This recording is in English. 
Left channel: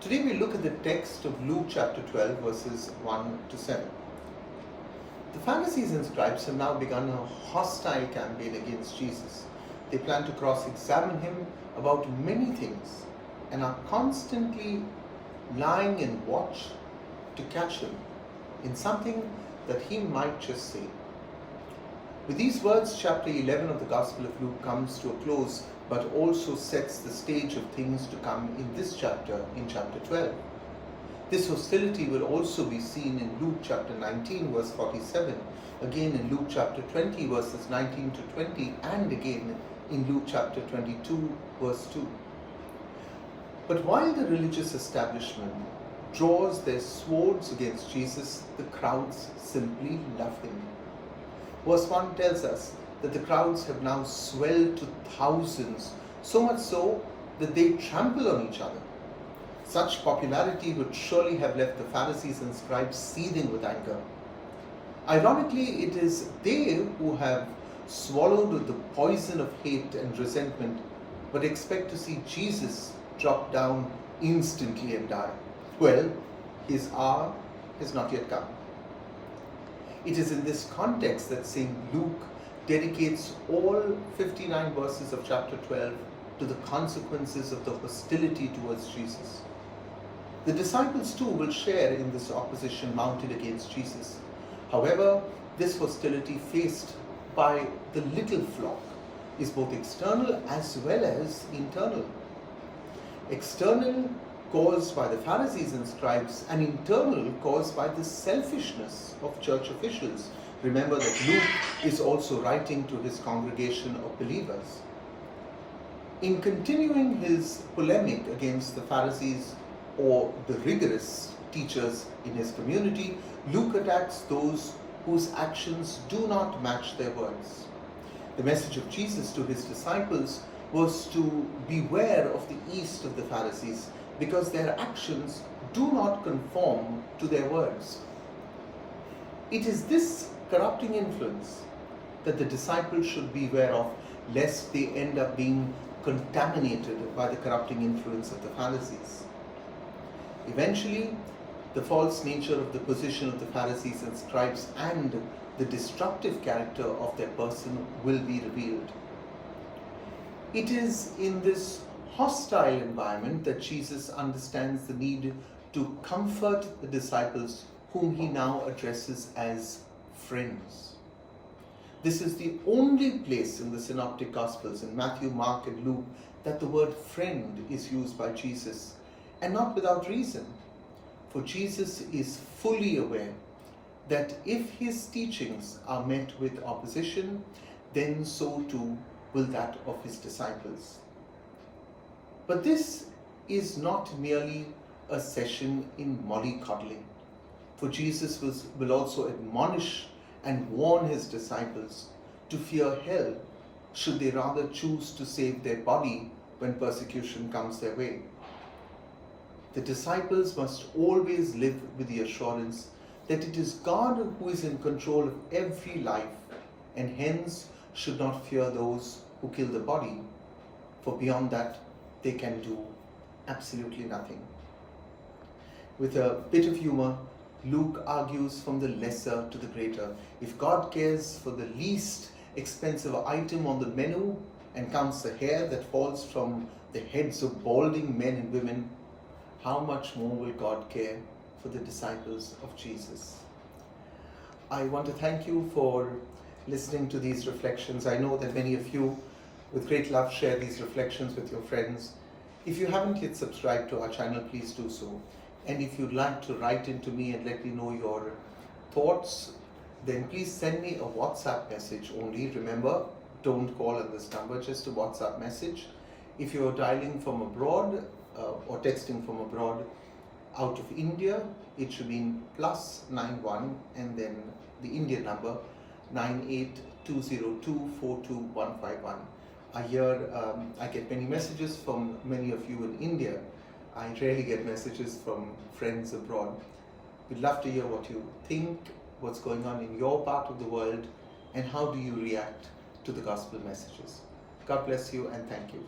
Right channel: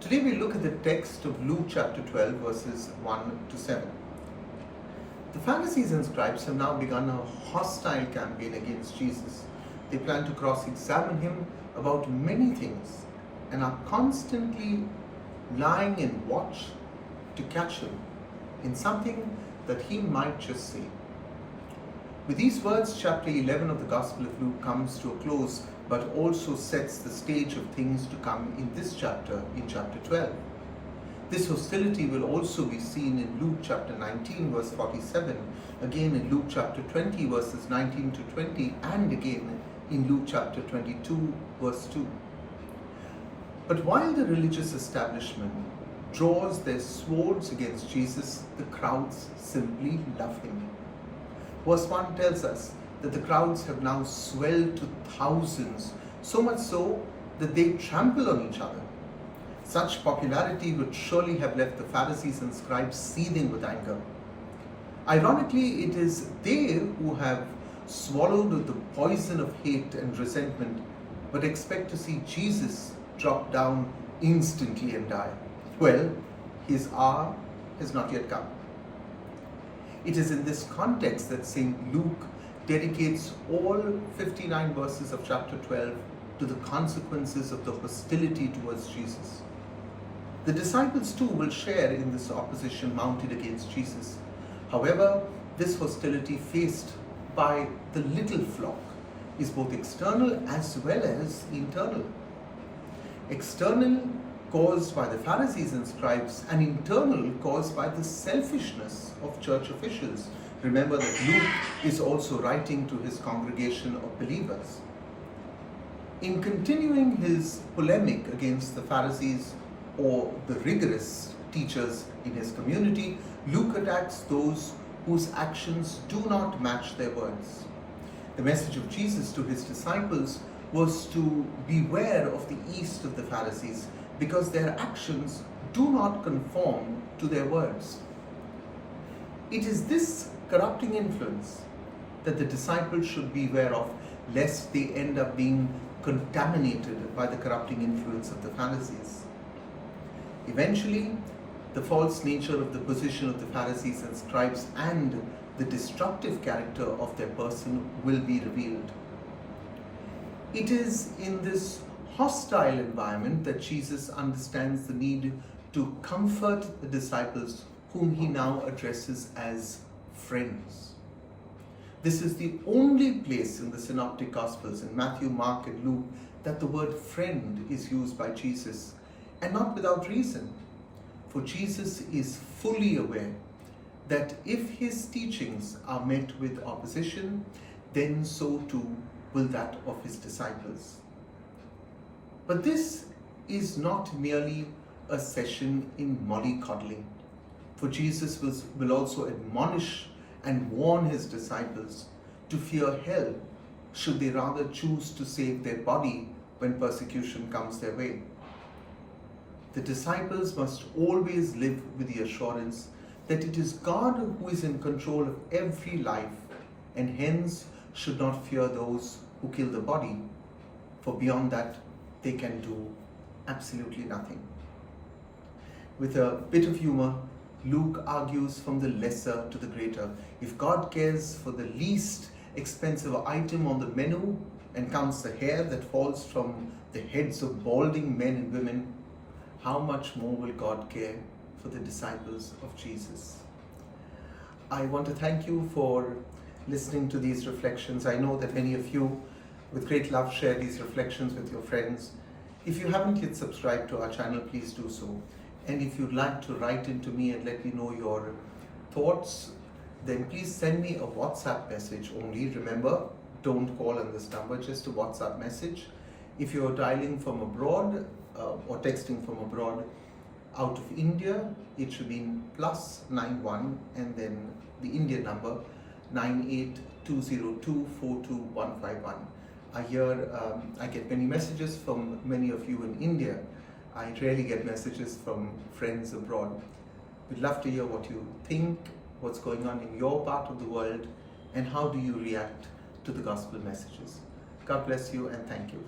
Today we look at the text of Luke chapter 12 verses 1 to 7. The Pharisees and scribes have now begun a hostile campaign against Jesus. They plan to cross-examine him about many things and are constantly lying in watch to catch him in something that he might just say. With these words, chapter 11 of the Gospel of Luke comes to a close, but also sets the stage of things to come in this chapter, in chapter 12. This hostility will also be seen in Luke chapter 19 verse 47, again in Luke chapter 20 verses 19 to 20, and again in Luke chapter 22 verse 2. But while the religious establishment draws their swords against Jesus, the crowds simply love him. Verse 1 tells us that the crowds have now swelled to thousands, so much so that they trample on each other. Such popularity would surely have left the Pharisees and scribes seething with anger. Ironically, it is they who have swallowed the poison of hate and resentment, but expect to see Jesus drop down instantly and die. Well, his hour has not yet come. It is in this context that St. Luke dedicates all 59 verses of chapter 12 to the consequences of the hostility towards Jesus. The disciples too will share in this opposition mounted against Jesus. However, this hostility faced by the little flock is both external as well as internal. External, caused by the Pharisees and scribes, and internal, caused by the selfishness of church officials. Remember that Luke is also writing to his congregation of believers. In continuing his polemic against the Pharisees or the rigorous teachers in his community, Luke attacks those whose actions do not match their words. The message of Jesus to his disciples was to beware of the yeast of the Pharisees, because their actions do not conform to their words. It is this corrupting influence that the disciples should beware of, lest they end up being contaminated by the corrupting influence of the Pharisees. Eventually, the false nature of the position of the Pharisees and scribes and the destructive character of their person will be revealed. It is in this hostile environment that Jesus understands the need to comfort the disciples, whom he now addresses as friends. This is the only place in the Synoptic Gospels, in Matthew, Mark, and Luke, that the word friend is used by Jesus, and not without reason. For Jesus is fully aware that if his teachings are met with opposition, then so too will that of his disciples. But this is not merely a session in mollycoddling, for Jesus will also admonish and warn his disciples to fear hell, should they rather choose to save their body when persecution comes their way. The disciples must always live with the assurance that it is God who is in control of every life, and hence should not fear those who kill the body, for beyond that they can do absolutely nothing. With a bit of humor, Luke argues from the lesser to the greater. If God cares for the least expensive item on the menu and counts the hair that falls from the heads of balding men and women, how much more will God care for the disciples of Jesus? I want to thank you for listening to these reflections. I know that many of you, with great love, share these reflections with your friends. If you haven't yet subscribed to our channel, please do so. And if you'd like to write into me and let me know your thoughts, then please send me a WhatsApp message only. Remember, don't call on this number, just a WhatsApp message. If you're dialing from abroad or texting from abroad, out of India, it should be +91 and then the Indian number 9820242151. I get many messages from many of you in India. I rarely get messages from friends abroad. We'd love to hear what you think, what's going on in your part of the world, and how do you react to the gospel messages. God bless you and thank you.